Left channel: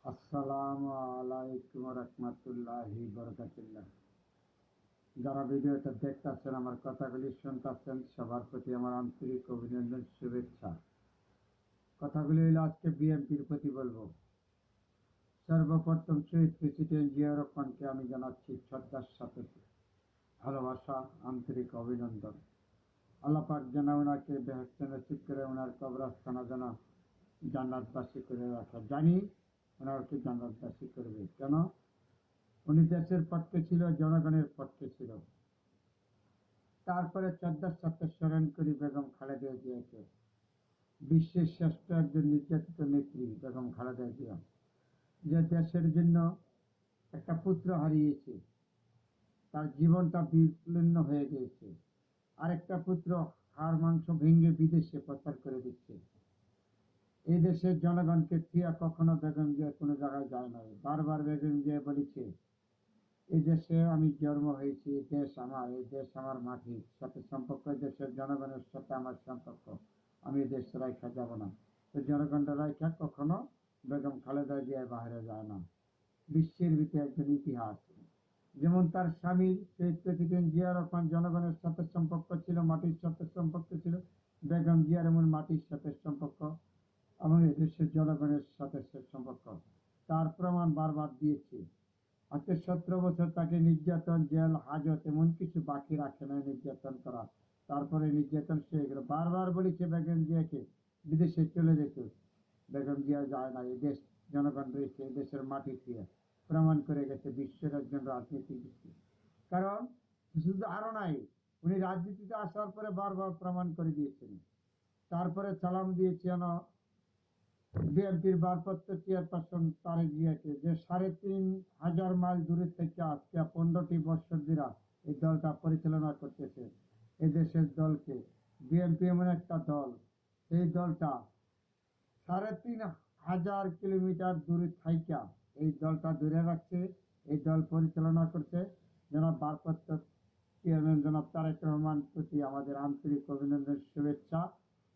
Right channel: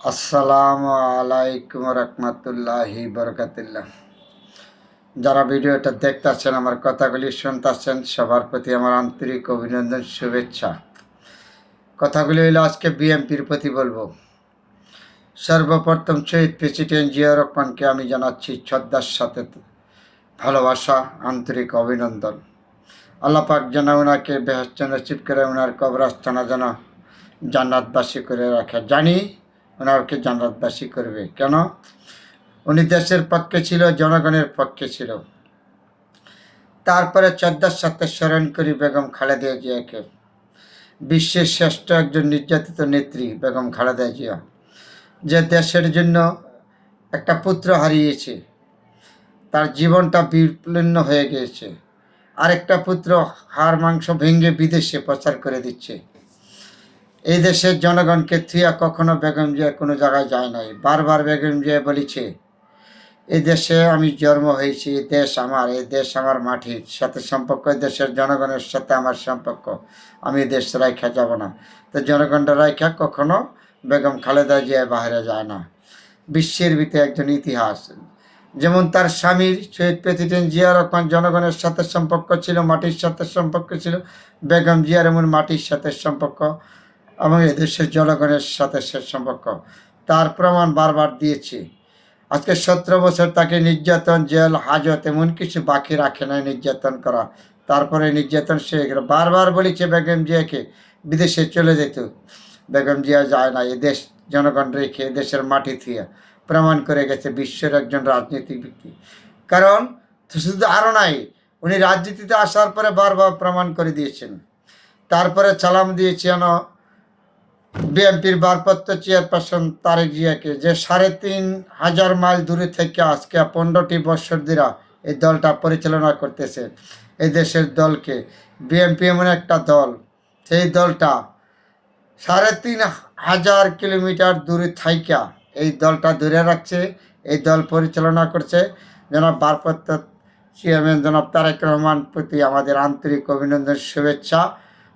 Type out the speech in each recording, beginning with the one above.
আসসালামু আলাইকুম রহমতুল্লাহি বরকাতুল্লাহ। যারা ভিডিওটা দেখতেছেন আমার কথাগুলি শুনতেছেন সবার প্রতি আমার আন্তরিক অভিনন্দন, শুভেচ্ছা। কথাগুলি হইল আজকে বিএমপির প্রতি বলব। সর্বপ্রথম শহীদ প্রেসিডেন্ট জিয়া রহমানকে আমি জানাচ্ছি শ্রদ্ধার সাথে ভালোবাসা, আন্তরিক অভিনন্দন। আল্লাপাক যেন ওনাকে বেহস্ত নসিব করে ওনার কবরস্থানা যেন জান্নাতবাসী করে রাখে। জানি ওনাকে জান্নাতবাসী করবে। কেন? উনি দেশের পক্ষে ছিল, জনগণের পক্ষে ছিল। তারপরে শ্রদ্ধার সাথে স্মরণ করি বেগম খালেদা জিয়াকে। বিশ্বের শ্রেষ্ঠ একজন নির্যাতিত নেত্রী বেগম খালেদা জিয়া, যে দেশের জন্য একটা পুত্র হারিয়েছে। তার জীবনটা বিপন্ন হয়ে গিয়েছে। আরেকটা পুত্র হাড় মাংস ভেঙে বিদেশে প্রচার করে দিচ্ছে। এই দেশের জনগণকে থুয়া কখনো বেগম জিয়া কোনো জায়গায় যায় নাই। বারবার বেগম জিয়া বলেছে, এই দেশে আমি জন্ম হয়েছি, এই দেশ আমার, এই দেশ আমার মাটির সাথে সম্পর্ক দেশের জনগণের সাথে আমার সম্পর্ক, আমি দেশ রাইখা যাব না। তো জনগণটা রাইখা কখনো বেগম খালেদা জিয়া বাইরে যায় না। বিশ্বের ভিতরে একজন ইতিহাস, যেমন তার স্বামীর শহীদ প্রেসিডেন্ট জিয়া রহমান জনগণের সাথে সম্পর্ক ছিল, মাটির সাথে সম্পর্ক ছিল, বেগম জিয়ার এমন মাটির সাথে সম্পর্ক এবং এদেশের জনগণের সাথে সে সম্পর্ক। তার প্রমাণ বারবার দিয়েছি। আজকে সতেরো বছর তাকে নির্যাতন, জেল, হাজত এমন কিছু বাকি রাখে নাই নির্যাতন করা। তারপরে নির্যাতন সে বারবার বলেছে বেগম জিয়াকে, বিদেশে চলে যেত। বেগম জিয়া যায় না, এদেশ জনগণ রেখে দেশের মাটি থিয়া প্রমাণ করে গেছে বিশ্বের একজন রাজনীতিবিদ কারণ শুধু আরও নাই, উনি রাজনীতিতে আসার পরে বারবার প্রমাণ করে দিয়েছেন। তারপরে সালাম দিয়েছেন বিএনপির ভারপ্রাপ্ত চেয়ারপারসন তারেক জিয়াকে যে সাড়ে তিন হাজার মাইল দূরে থেকে আজকে পনেরোটি বৎসর দিরা এই দলটা পরিচালনা করতেছে, এই দেশের দলকে। বিএনপি এমন একটা দল, সেই দলটা সাড়ে তিন হাজার কিলোমিটার দূরে থাইকা এই দলটা দূরে রাখছে, এই দল পরিচালনা করছে। জনাব ভারপ্রাপ্ত চেয়ারম্যান জনাব তারেক রহমান প্রতি আমাদের আন্তরিক অভিনন্দন, শুভেচ্ছা,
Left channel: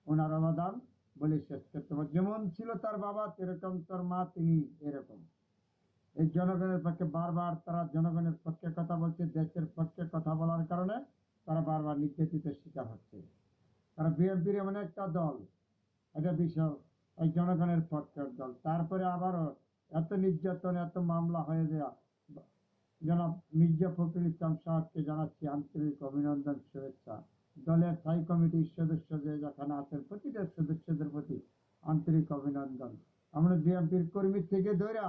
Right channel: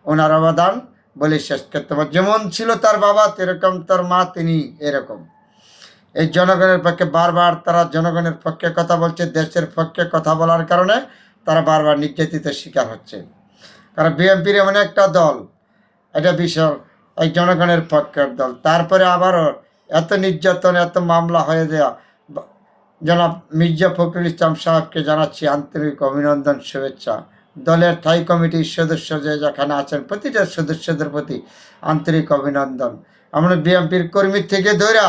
ওনার অবদান। বলে শেষ করতে পারে যেমন ছিল তার বাবা, তেরকম তার মা, তিনি এরকম। এই জনগণের পক্ষে বারবার তারা জনগণের পক্ষে কথা বলছে, দেশের পক্ষে কথা বলার কারণে তারা বারবার নির্যাতিত শিকার হচ্ছে। কারণ বিএনপির এমন একটা দল, এটা বিশাল, এই জনগণের পক্ষের দল। তারপরে আবারও এত নির্যাতন, এত মামলা হয়ে দেওয়া বা- জনাব মির্জা ফখরুল ইসলাম সাহেবকে জানাচ্ছি আন্তরিক অভিনন্দন, শুভেচ্ছা। দলের থাই কমিটির সদস্য যে যেখানে আছেন, প্রতিটা সদস্যদের প্রতি আন্তরিক অভিনন্দন। আমরা বিএনপির কর্মী থেকে ধরা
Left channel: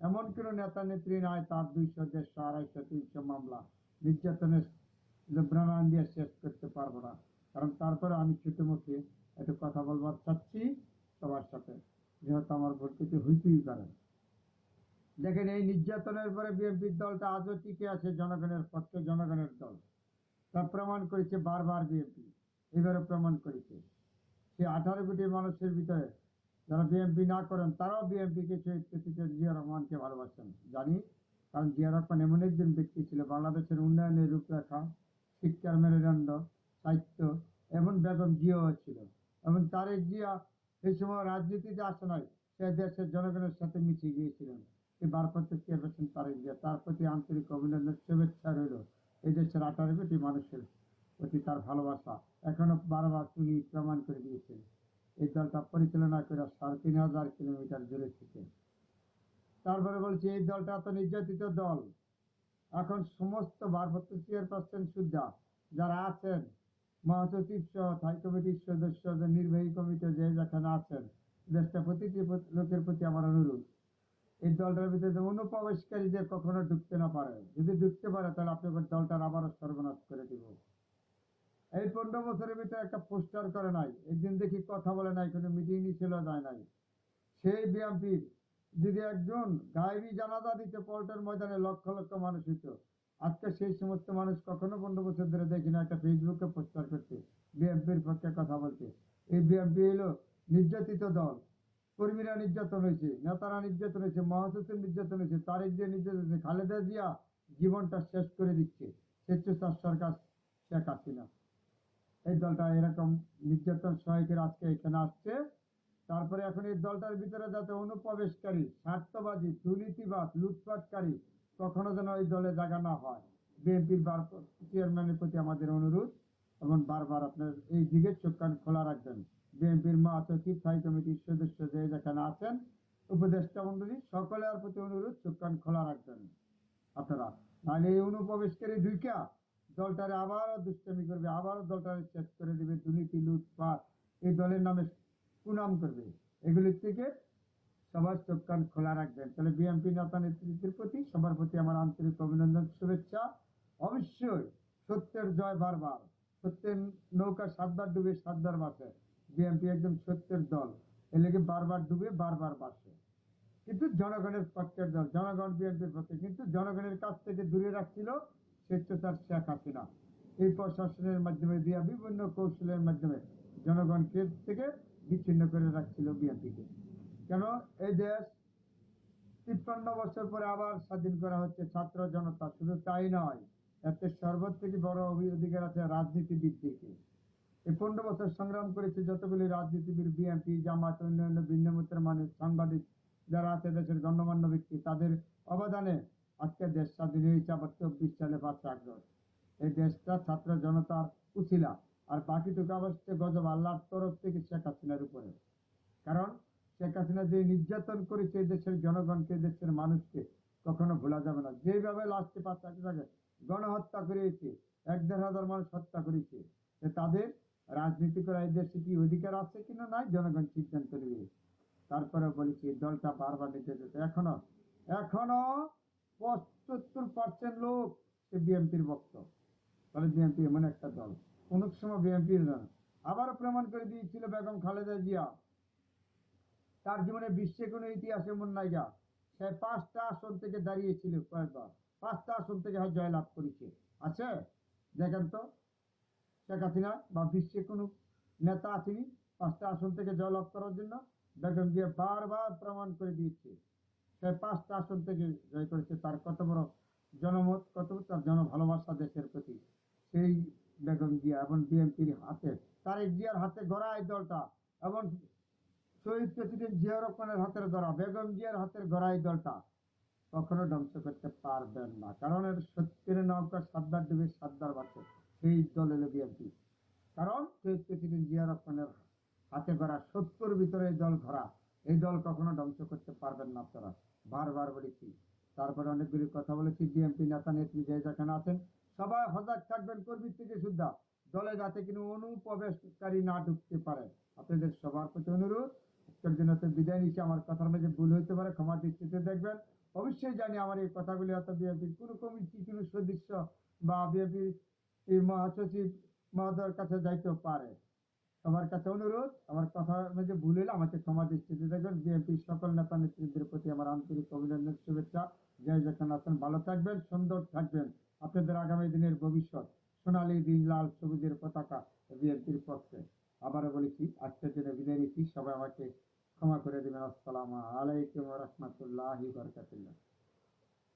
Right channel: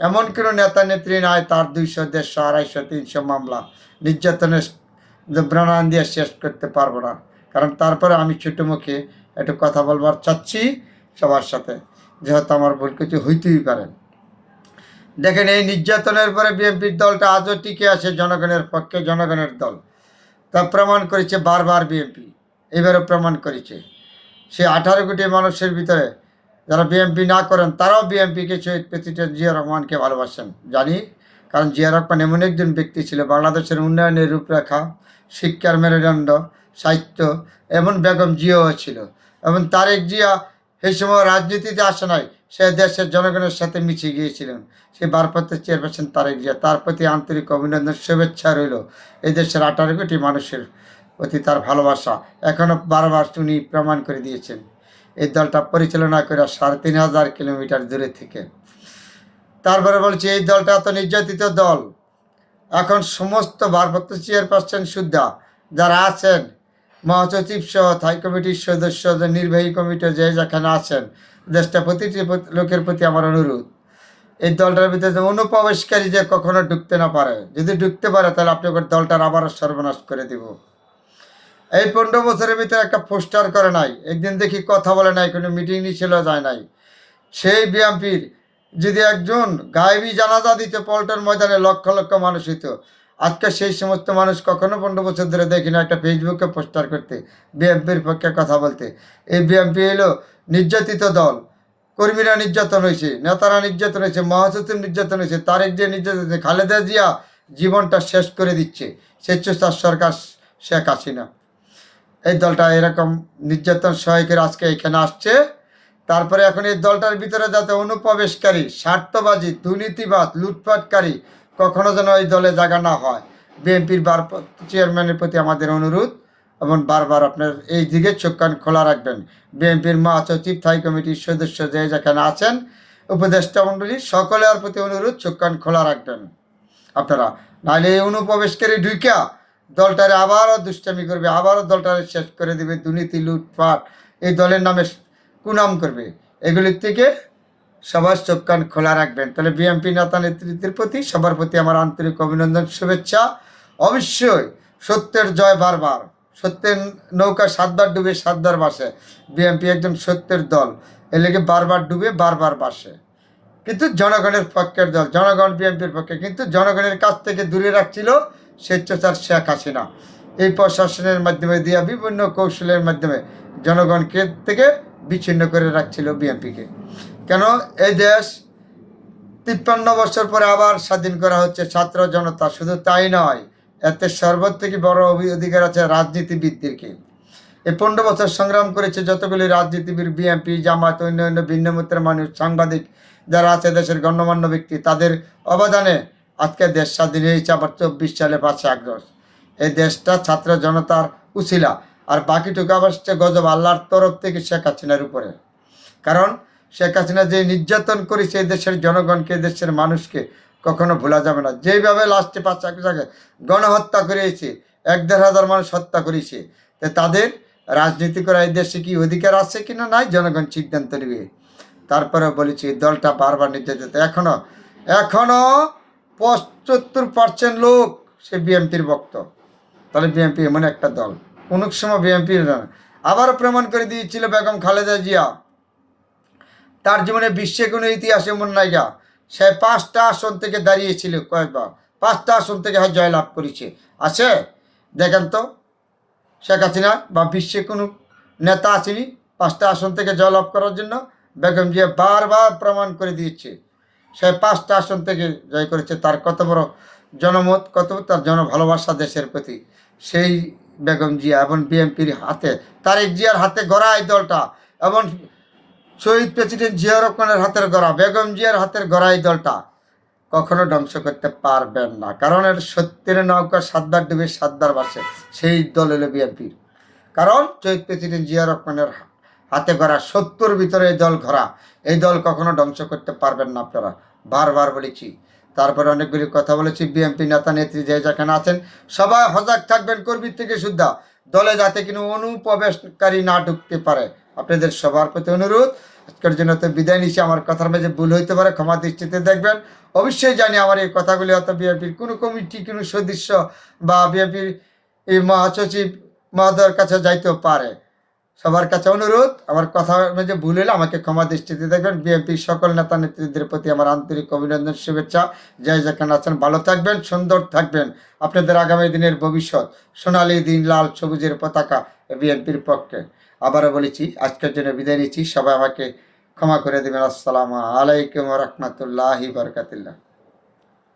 এমন কোনো নেতা নেত্রী নাই, তার দুইশো, দেড়শো, আড়াইশো, তিনশো মামলা নির্যাতনের ব্রাণান দিয়ে শেষ করতে পারব না। কারণ তারপরে আমি ছোটো মুখে একটু কথা বলবার চাচ্ছি সবার সাথে, যেহেতু আমার ভুল কিছু হইতেই পারে। দেখেন, এই নির্যাতনের পরে বিএনপির দলটা আজও টিকে আছে, জনগণের পক্ষে জনগণের দল। তা প্রমাণ করেছে বারবার বিএনপি। এবারও প্রমাণ করেছে। সে আঠারো কোটি মানুষের ভিতরে যারা বিএনপি না করেন, তারাও বিএনপিকে শহীদ প্রেসিডেন্ট জিয়া রহমানকে ভালোবাসেন। জানি, কারণ জিয়া রহমান এমন একজন ব্যক্তি ছিল, বাংলাদেশের উন্নয়নের রূপরেখা, শিক্ষার মেরুদণ্ড, সাহিত্য, এমন বেগম জিয়াও ছিল। এবং তারেক জিয়া সেই সময় রাজনীতিতে আসে নাই সে দেশের জনগণের সাথে মিশে গিয়েছিলেন। সে ভারপ্রাপ্ত চেয়ারপারসন তারেক জিয়া, তার প্রতি আন্তরিক অভিনন্দন, শুভেচ্ছা রইল এই দেশের আঠারো কোটি মানুষের প্রতি তার ভালোবাসা। এখনও বারবার উনি প্রমাণ করে দিয়েছেন। এই দলটা পরিচালনা করে সাড়ে তিন হাজার কিলোমিটার দূরে থেকে। তারপরে বলছি, এই দলটা এত নির্যাতিত দল। এখন সমস্ত ভারপ্রাপ্ত চেয়ারপারসন সুদ্ধা যারা আছেন, মহাসচিব সহ থাই কমিটির সদস্য, নির্বাহী কমিটি যে যেখানে আছেন দেশটা প্রতিটি প্রতি- লোকের প্রতি আমার অনুরোধ, এই দলটার ভিতরে অনুপ্রবেশকারী যে কখনো ঢুকতে না পারে। যদি ঢুকতে পারে, তাহলে আপনি ওর দলটার আবারও সর্বনাশ করে দিব। এই পনেরো বছরের ভিতরে একটা পোস্টার করে নাই। একদিন দেখি কথা বলে নাই, কোনো মিটিং ছিল, যায় নাই। সেই বিএমপির যদি একজন গায়েবী জানাজা দিত, পল্টন ময়দানে লক্ষ লক্ষ মানুষ হইতো আজকে সেই সমস্ত মানুষ কখনো পনেরো বছর ধরে দেখি না একটা ফেসবুকে পোস্টার করতে বিএমপির পক্ষে কথা বলতে। এই বিএমপি হলো নির্যাতিত দল। কর্মীরা নির্যাতন হয়েছে, নেতারা নির্যাতন হয়েছে, মহাসচিব নির্যাতন হয়েছে, তারেক যে নির্যাতন হয়েছে, খালেদা জিয়া জীবনটা শেষ করে দিচ্ছে, স্বেচ্ছাচার সরকার শেখ হাসিনা। এই দলটা এরকম নির্যাতন সহায়কের আজকে এখানে আসছে। তারপরে এখন এই দলটার ভিতরে যাতে অনুপ্রবেশকারী, স্বার্থবাজি দুর্নীতিবাদ লুটপাটকারী কখনো যেন ওই দলে জায়গা না হয়। বিএনপির বার চেয়ারম্যানের প্রতি আমাদের অনুরোধ এবং বারবার আপনার এই দিকে চোখ কান খোলা রাখবেন। বিএনপির মহাসচিব থাই কমিটির সদস্য যে যেখানে আছেন, উপদেষ্টা মণ্ডলী, সকলের প্রতি অনুরোধ, চোখ কান খোলা রাখবেন। আপনারা নাহলে এই অনুপ্রবেশকারী ঢুইকা দলটারে আবারও দুষ্টামি করবে, আবারও দলটারে শেষ করে দিবে, দুর্নীতি, লুটপাট, এই দলের নামে কুনাম করবে। এগুলির থেকে সবার চোখ কান খোলা রাখবেন। তাহলে বিএনপি নেতা নেতৃত্বের প্রতি সবার প্রতি আমার আন্তরিক অভিনন্দন, শুভেচ্ছা। অবশ্যই সত্যের জয় বারবার। সত্যের নৌকা সাতবার ডুবে সাতবার বাসে বিএনপি একজন সত্যের দল। এ লেগে বারবার ডুবে বারবার বাসে কিন্তু জনগণের পক্ষের দল, জনগণ বিএনপির পক্ষে। কিন্তু জনগণের কাছ থেকে দূরে রাখছিল স্বেচ্ছাচার শেখ হাসিনা। এই প্রশাসনের মাধ্যমে দিয়া বিভিন্ন কৌশলের মাধ্যমে জনগণকে থেকে বিচ্ছিন্ন করে রাখছিল বিএনপিকে কেন? এই দেশ তিপ্পান্ন বছর পরে আবার স্বাধীন করা হচ্ছে ছাত্র জনতা। শুধু তাই নয়, এতে সর্বত থেকে বড় অধিকার আছে রাজনীতিবিদদেরকে। এই পনেরো বছর সংগ্রাম করেছে যতগুলি রাজনীতিবিদ, বিএনপি জামাত অন্য অন্য ভিন্ন মতের মানুষ, সাংবাদিক যারা আছে, দেশের গণ্যমান্য ব্যক্তি। তাদের অবদানে আজকে দেশ স্বাধীন হয়েছে আবার চব্বিশ সালে পাঁচই আগস্ট এই দেশটা ছাত্র জনতার উছিলা। আর বাকিটুকু আবার গজব আল্লাহর তরফ থেকে শেখ হাসিনার উপরে। কারণ শেখ হাসিনা যে নির্যাতন করেছে দেশের জনগণকে, দেশের মানুষকে কখনো ভোলা যাবে না। যেইভাবে লাস্টে পাঁচ জায়গায় গণহত্যা করেছে, এক দেড় হাজার মানুষ হত্যা করেছে, তো তাদের রাজনীতি করা এই দেশে কি অধিকার আছে কি না নাই? জনগণ সিদ্ধান্ত নেবে। তারপরে বলেছি দলটা বারবার নির্যাতিত। এখনও এখনও পঁচাত্তর পার্সেন্ট লোক সে বিএনপির ভক্ত। তাহলে বিএনপি এমন একটা দল। কোন সময় বিএনপির আবারও প্রমাণ করে দিয়েছিল বেগম খালেদা জিয়া। তার জীবনে বিশ্বে কোনো ইতিহাস এমন নাইগা সে পাঁচটা আসন থেকে দাঁড়িয়েছিল কয়েকবার। পাঁচটা আসন থেকে হয় জয়লাভ করেছে। আছে? দেখেন তো। শেখ হাসিনা বা বিশ্বে কোনো নেতা আসেনি পাঁচটা আসন থেকে জয়লাভ করার জন্য। বেগম জিয়া বারবার প্রমাণ করে দিয়েছে। সে পাঁচটা আসন থেকে জয় করেছে। তার কত বড় জনমত, কত তার জন ভালোবাসা দেশের প্রতি। সেই বেগম জিয়া এবং বিএনপির হাতে, তারেক জিয়ার হাতে গড়া এই দলটা। এবং শহীদ প্রেসিডেন্ট জিয়া রহমানের হাতের গড়া, বেগম জিয়ার হাতের গড়া এই দলটা কখনো ধ্বংস করতে পারবেন না। কারণ এর সত্যের নৌকা সাতবার ডুবে সাতবার বাসে, সেই দল হলো বিএনপির। কারণ শহীদ প্রেসিডেন্ট জিয়া রহমানের হাতে গড়া সত্তর ভিতরে এই দল ঘোরা, এই দল কখনো ধ্বংস করতে পারবেন না আপনারা। বারবার বলেছি। তারপরে অনেকগুলি কথা বলেছি। বিএনপি নেতা, নেত্রী যে যেখানে আছেন, সবাই সজাগ থাকবেন কর্মীর থেকে সুদ্ধা দলে যাতে কোনো অনুপ্রবেশকারী না ঢুকতে পারে আপনাদের সবার প্রতি অনুরোধ। আজকের জন্য তো বিদায় নিচ্ছি। আমার কথার মাঝে ভুল হইতে পারে, ক্ষমা দৃষ্টিতে দেখবেন। অবশ্যই জানি আমার এই কথাগুলি হয়তো বিএনপির কোনো কমিটি, কোনো সদস্য বা বিএনপির এই মহাসচিব মহোদয়ের কাছে যাইতেও পারে। সবার কাছে অনুরোধ, আমার কথা মাঝে ভুল হলে আমাকে ক্ষমা দৃষ্টিতে দেখবেন। বিএনপির সকল নেতা নেত্রীদের প্রতি আমার আন্তরিক অভিনন্দন, শুভেচ্ছা। জয় যেখানে আছেন ভালো থাকবেন, সুন্দর থাকবেন। আপনাদের আগামী দিনের ভবিষ্যৎ, সোনালি দিন, লাল সবুজের পতাকা বিএনপির পক্ষে। আবারও বলেছি, আজকের জন্য বিদায় নিচ্ছি। সবাই আমাকে ক্ষমা করে দেবেন। আসসালামু আলাইকুম রহমতুল্লাহি বরকাতুল্লাহ।